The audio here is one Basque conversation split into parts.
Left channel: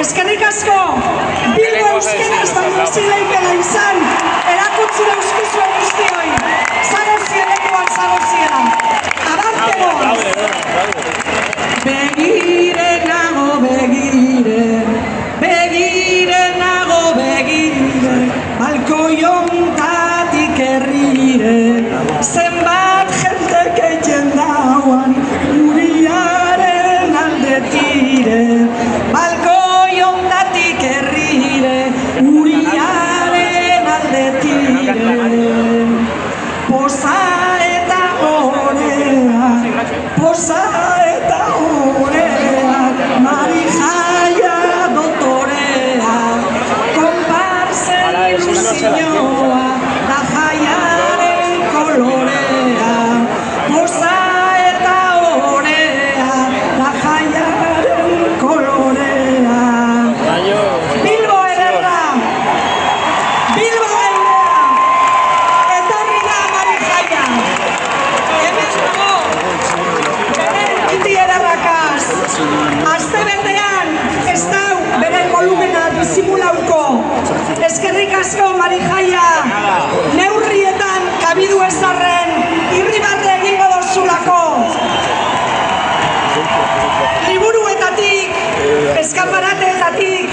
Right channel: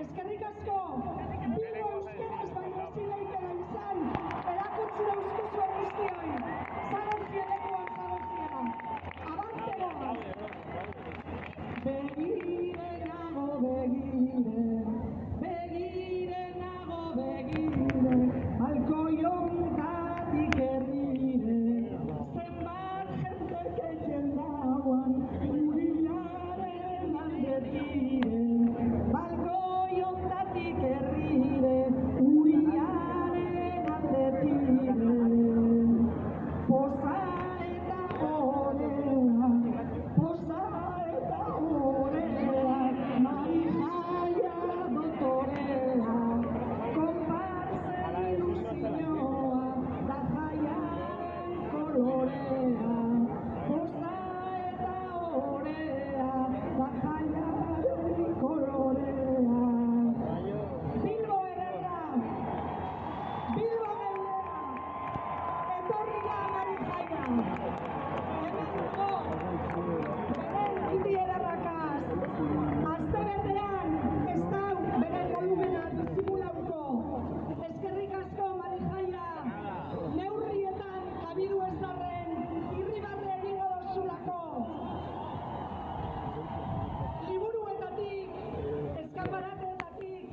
Eskerrik asko, Bilbo euskeraz baino zileikela izan, erakutsi dauzkizuen guztioi. Zagozien lekuan zagozien. Abarte goaz. Begire nago begire, begire nago begire, balkoiontatik herrire, zenbat jente keiten dauan, uriaren alde tire, balkoiontatik herrire, uriaren alde tire. Poza eta orea, poza eta orea, Marijaia dotorea, konparsen ilusioa, da jaiaren kolorea. Poza eta orea, da jaiaren kolorea. Bilbo ederra, Bilbo geurea, etorri da Marijaia. Hemen dago, beren iti ederrakaz. Aste betean, ez dau beren volumena disimulauko. Eskerrik asko Marijaia, neurrietan kabidu ezarren, irribarre egingo dozulako. Liburuetatik, eskaparateetatik,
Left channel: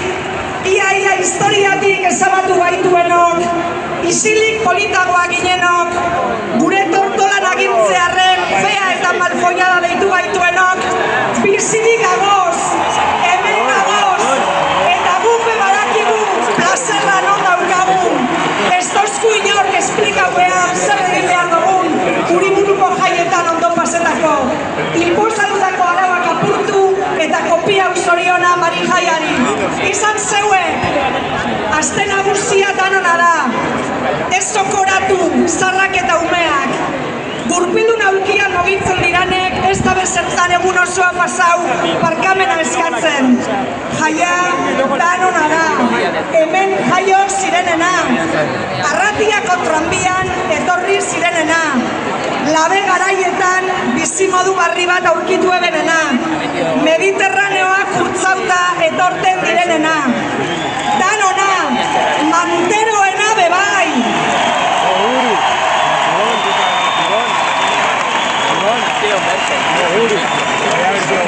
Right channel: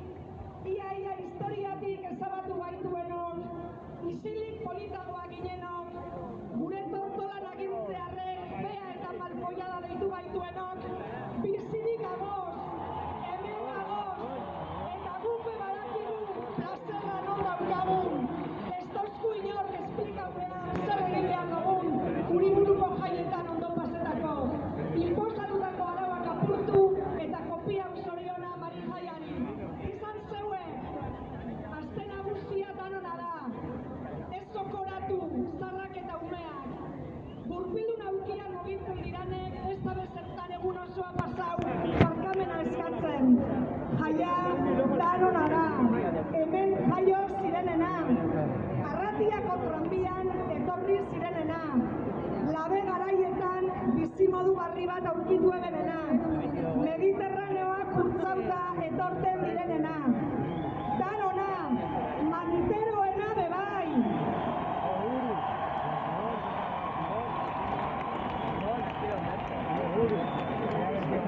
ia historiatik ezabatu gaituenok, isilik politagoa ginenok, gure tortolan agintzearren, fea eta malfollada deitu gaituenok, bizirik agoz, hemen agoz, eta gupe badakigu plazerra non daukagun. Ez dozku inork esplikau behar zer egin behar dugun, Uriburuko jaietan ondo pasetako. Inposadutako arauak apurtu eta kopia zoriona Marijaiari. Izan zeue, aste nagusia danona da. Ez zokoratu, zarrak eta umeak. Gurpildun aulkian mugitzen diranek, ez da bezertan egun osoa pasau, barkamena eskatzen. Jaia danona da, hemen jaio zirenena. Arratiako tranbian etorri zirenena. Labe garaietan bizimodu barri bat aurkitu ebenena. Mediterraneoa kurtzauta etorten direnena. Danona, manteroena bebai.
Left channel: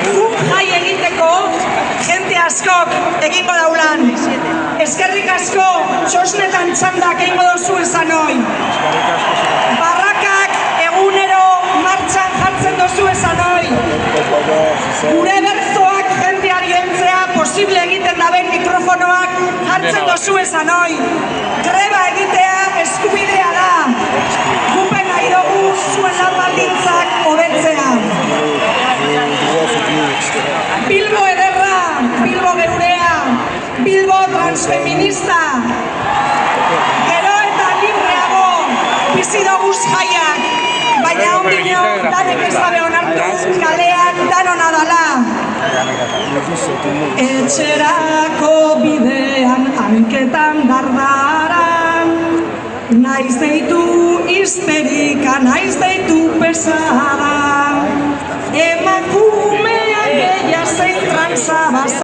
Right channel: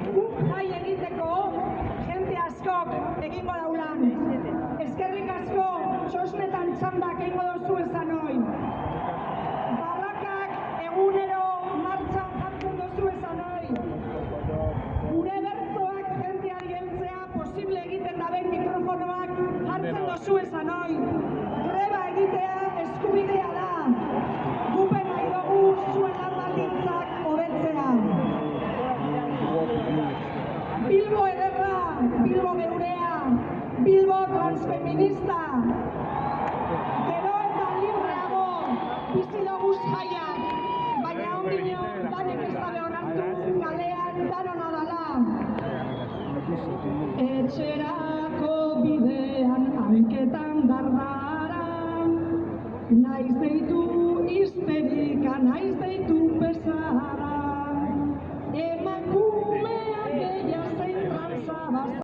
Guk jai egiteko, jente askok egingo daulan. Eskerrik asko, txosnetan txandak egingo dozu esan hoi. Barrakak egunero martxan jartzen dozu esan hoi. Gure berzoak jenteari heltzea posible egiten daben mikrofonoak jartzen dozu esan hoi. Greba egitea eskubidea da. Gupen nahi dugu zuen lan baldintzak hobetzea. Bilbo ederra, Bilbo geurea, Bilbo transfeminista. Gero eta libreago bizi doguz jaiak, baina ondino danek ez dabe onartu kalean danona dala. Etxerako bidean hanketan dardaran, naiz deitu histerika, naiz deitu pesada. Emakumeak eia zein trantzabaz